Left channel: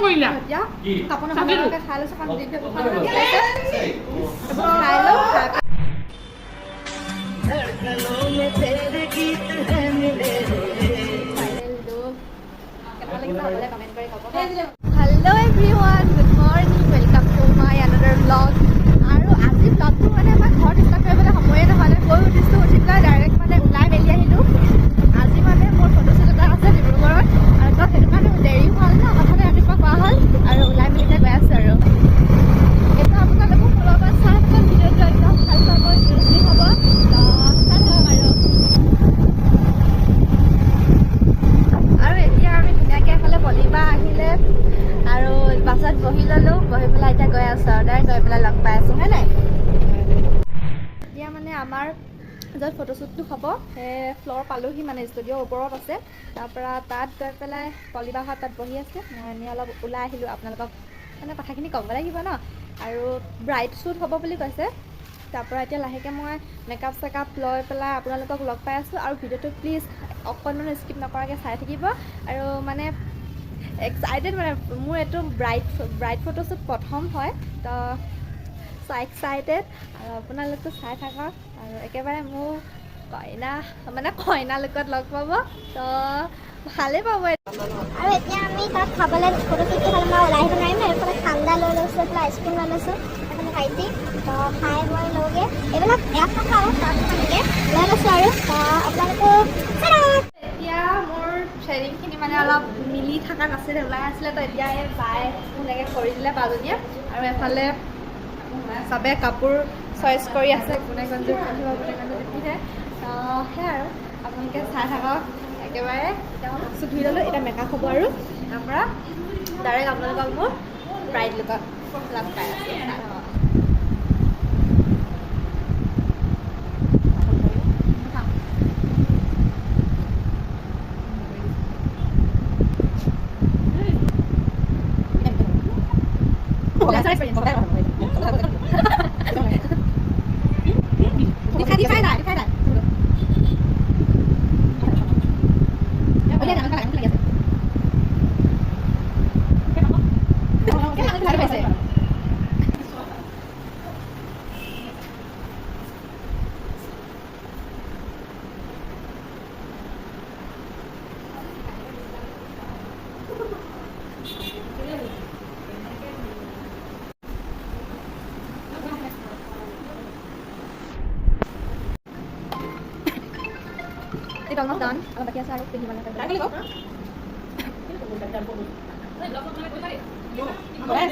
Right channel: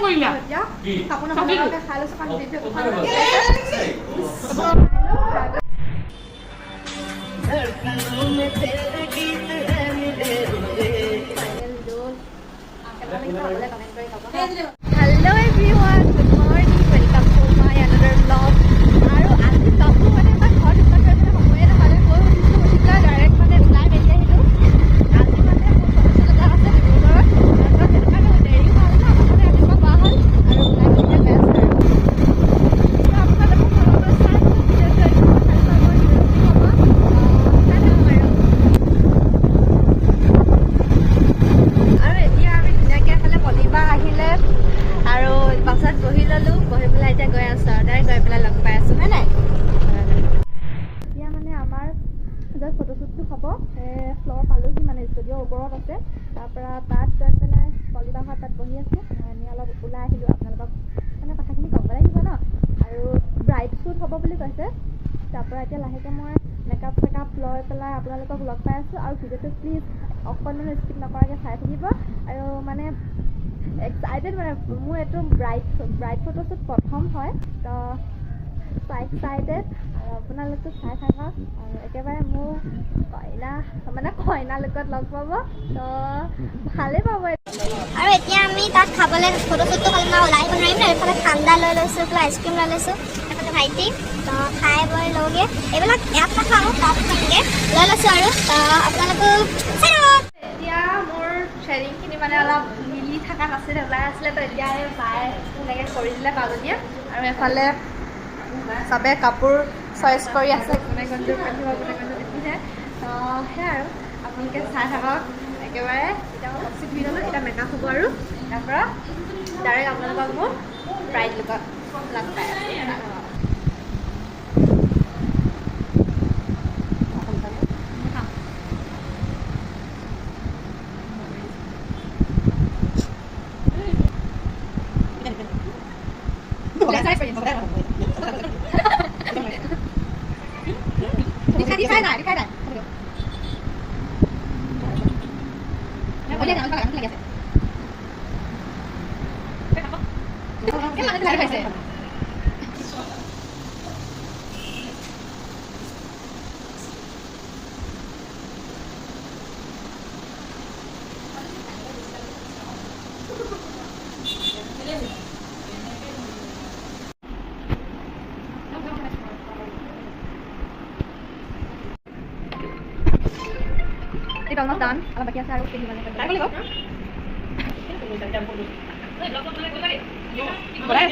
এতিয়া কাপোৰ নকৰাকৈ খাই লৈছোঁ কাৰণ খাই লওঁ Hello everyone, good morning, welcome to my another vlog. আৰু আজি vlogটো মানে মই ঘৰত ষ্টাৰ্ট কৰিবলৈ সময়ে নহ'লে কৈ উঠিছোঁ উঠি পেলাই ডাইৰেক্ট মানে ওলাই মেলি আহিলোঁ। আজি মানে মোৰ ফটোশ্বুট এটা আছে ডিব্ৰুগড়ত আৰু তো সেইটো কাৰণে দেৰিও হ'ল ন মানে ৰাতিপুৱা কোৱা হ'ল আৰু ওলাই মেলি গৈ আছোঁ আৰু এতিয়া আপোনালোকক অলপমান চাই পেলাই ভিডিঅ'টো একদম ভাল পাব ইণ্টাৰেষ্টিং হ'ব চাই থাকক আৰু এতিয়া আমি ধুনীয়াকৈ এফালে পলিপা আহিলে আৰু বাছত বহি ল'লোঁ বহি পেলাই এতিয়া গৈ আছোঁ আৰু ডাইৰেক্ট গৈ পেলাই লগ পাই আছোঁ হয় নাই এতিয়া মানে আমাৰ য'ত ফটোশ্বুটটো হ'ব সেই ফ্ল'ৰ পালোহি মানে ষ্টুডিঅ'ৰ ওপৰত আছে তাৰপৰা তাত গৈ পেলাই পলিবাহঁত তাত বহি আছে আমি অলপ ওলাই আহিলোঁ আপোনালোকক মানে কথাখিনি ক'ব লাগিব ন আৰু ব্ৰাইড শ্বুট হ'ব বুলি কৈছে তাৰপৰা এতিয়া লাহেকৈ মই মেকআপ চেকআপ লৈ পেলাই আপোনালোকক লগ পাই আছোঁ আৰু ভিডিঅ'টো প্লিজ অকণমান স্কিপ নকৰাকৈ চাই থাকিব আৰু মানে এক্সাইটেড মানে মোৰ এইটো ব্ৰাইড ফটোশ্বুট প্ৰথম হয় তো এক্সাইটেড আৰু আপোনালোকতো চাই থাকক আৰু একেবাৰে মোৰ কইনা লুকত লগ পাব তো ভালেই পাব আৰু এতিয়া আমি তাত খাবলৈ ফটোশ্বুটটো ভাল পাওঁ ওলাই আহিব নোৱাৰিম ন এইফালে ঠাণ্ডা লৈ লৈছোঁ এইফালে আইচক্ৰীম লৈ লৈছোঁ এইফালে ভাইটি তো খাই বৈ লওঁগৈ এইবিলাক ইয়াত নাখাওঁ তাত তেনেকৈ লৈ লৈছোঁ আৰু আপোনালোকক চাই থাকক এতিয়া মোৰ শ্বেয়াৰিংখিনি মানে অলপ মিলি থকা নাছিলে ওলাই আছিলে তো এতিয়া এই বাই ধুনীয়াকৈ কৰি দিলে পাজনীয়ে আৰু এফালে চবে কাপোৰ চইচ কৰি আছে কোনে কোনযোৰ পিন্ধিব কোনে কোনযোৰ নিপিন্ধে তো সেয়াই আৰু আপোনালোকে চাই থাকক একেবাৰে এতিয়া মই বক্সি ধুই ল'লোঁ এতিয়া মেকআপ হ'ব আৰু তাৰপৰা ডাইৰেক্ট আপোনালোকক মোৰ ব্ৰাইড লুকত লগ পাই আছোঁ It's almost done. Kalau bagi saya harus pilih mana kan? Boleh kok. Boleh.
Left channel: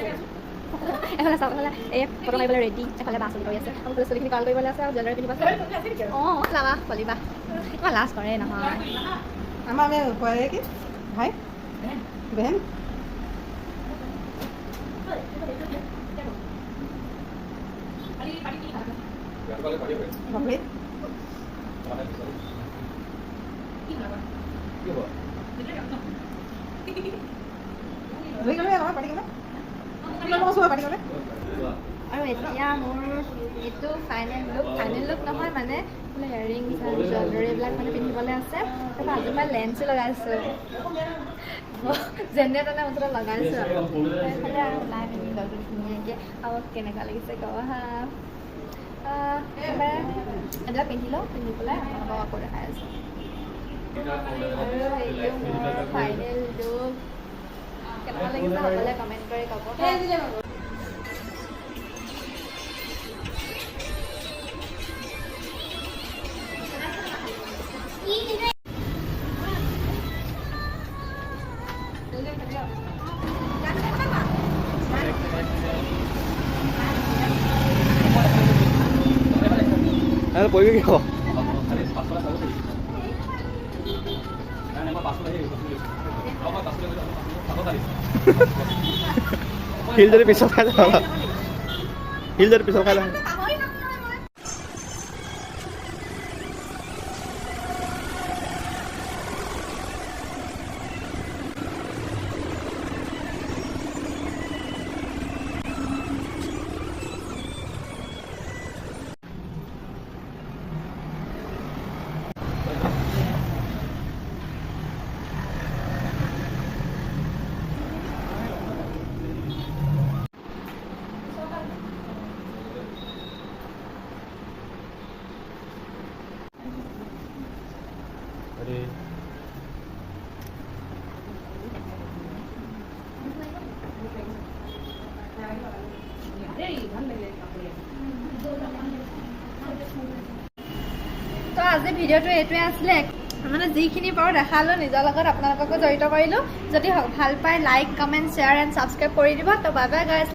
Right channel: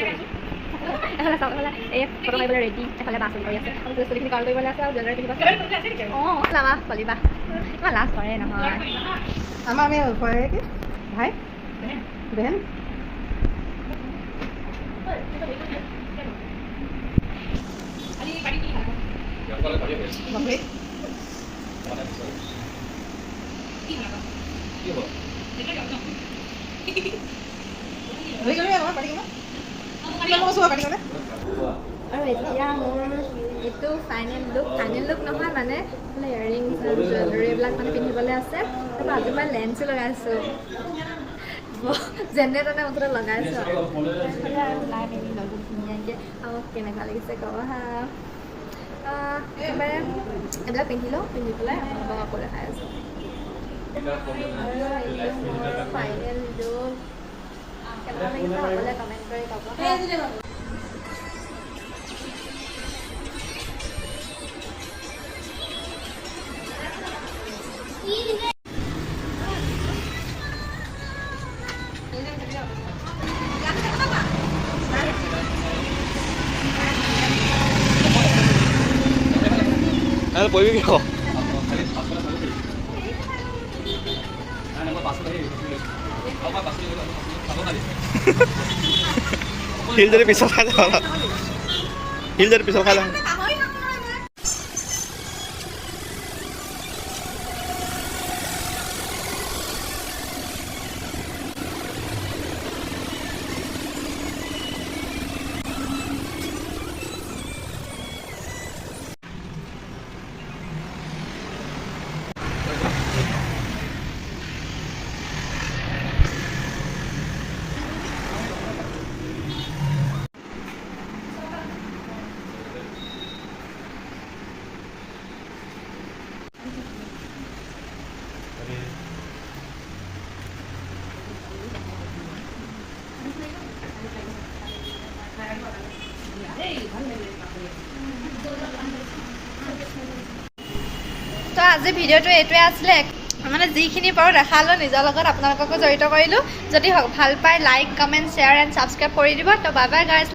Salah. Kalau boleh ready. Kalau bahasa itu ya. Kalau tulis ini kalau boleh saya jalan lagi bahasa. Oh, lama. Boleh bah. Malah sekarang nah. Ama me boleh ke? Hai. Ben. Boleh. আৰু এতিয়া মোৰ এইটো final look নহয় মানে earrings আৰু jewellery এইবিলাক মানে পিন্ধিবলৈ আছে তাৰপৰা আজি মই লেন্সো লগাইছোঁ যেনে তেনে মুঠতে লগাইছোঁ আৰু সেইফালে আৰু ওলাই মেলি ল'লোঁ ধুনীয়াকৈ আৰু কেনেকুৱা লাগিছে ক'ব হা একেবাৰে এইবিলাক পিন্ধি লওঁ পিন্ধি পেলাই আপোনালোকক আকৌ দেখাই আছোঁ আৰু এইটো মোৰ ফাইনেল লুক কেনেকুৱা লাগিছে সকলোৱে কমেণ্ট কৰি ক'ব 보이게 거. 힐들이 비싸가자. 힐들이 비싸가자. আজি ভিডিঅ'টো এইটোৱে আছিলে মানে যিখিনি পাৰোঁ দেখালোঁ নিজৰ লগত আপোনালোককো জড়িত কৰিলোঁ যদি ভাল পায় like comment share and subscribe কৰি দিব তো বাই বাই গাইজ